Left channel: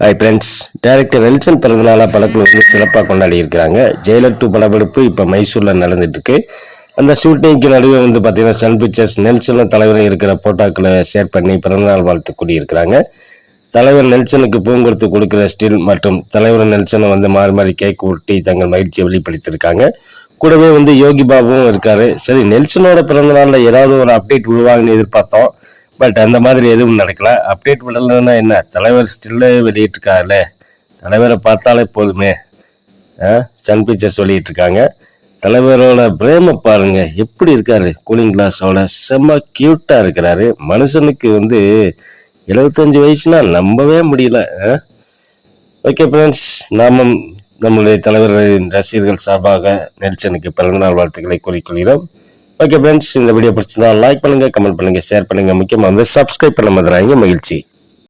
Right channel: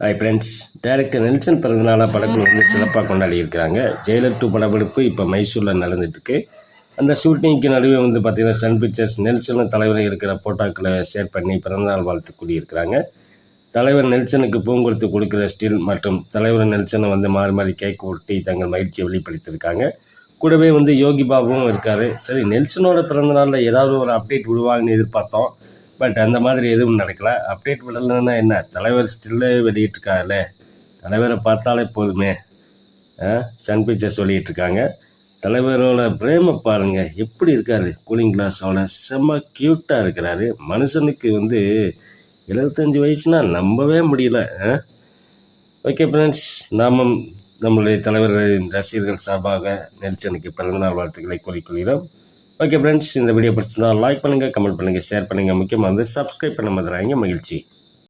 Hi friends director Nelson பிறந்தநாளாக படக்குழு வந்து சிறப்பாக கொண்டாடி இருக்கிறாங்க ஜெயலர் டூ படப்பிடிப்பு இப்போ மைசூரில் நடந்துட்டுருக்கு. அந்த ஷூட்டிங்க்கு நடுவே வந்து பார்த்தீங்கன்னா சன் பிக்சர்ஸ் நெல்சனும் தலைவரும் இருக்கிற போட்டோக்களை ஷேர் பண்ணி பிறந்தநாள் வாழ்த்து கூடியிருக்கிறாங்க தலைவர் நெல்சனுக்கு பூங்கொடுத்து கொடுக்குற ஸ்டில் மற்றும் தலைவர் நெல்சனை வந்து மாறி மாறி கேக் ஊட்டி தங்கள் மகிழ்ச்சியை வெளிப்படுத்தியிருக்காங்க. கூடவே வந்து யோகி பாபுவும் இருக்காரு. சரி நெல்சனோட பிறந்தநாளில் ஏதாவது ஒரு அப்டேட் விடுவாங்கன்னு எதிர்பார்த்தோம். பட் அந்த மாதிரி எதுவும் நடக்கல. அப்டேட் விடலைன்னா என்ன? தலைவர் ஸ்டில்லே வெளியிட்டிருக்காருல்ல. தலைவரை பார்த்தாலே போதுமே. ஆ? சன் பிக்சர்ஸ் வெளியிட்டு இருக்காங்க தலைவரோட பிரேம பாருங்க. எப்படி இருக்காரு? கூலிங் கிளாஸோட செம்ம கியூட்டாக இருக்கிறாரு. மனுஷனுக்கு வந்து எழுபத்தஞ்சு வயசுனா நம்பவே முடியல. ஓகே ஃப்ரெண்ட்ஸ் நாமும் நம்மளுடைய தலைவர்களின் ரசிகர்கள் சார்பாக நெல்சனுக்கு பிறந்தநாள் வாழ்த்துக்களை கூறிக்கொள்கிறோம். ஓகே ஃப்ரெண்ட்ஸ் இந்த வீடியோ பிடிச்சிருந்தா லைக் பண்ணுங்க கமெண்ட் பண்ணுங்க ஷேர் பண்ணுங்க. முக்கியமாக வந்து சப்ஸ்கிரைப் பண்ண மாதிரி மகிழ்ச்சி.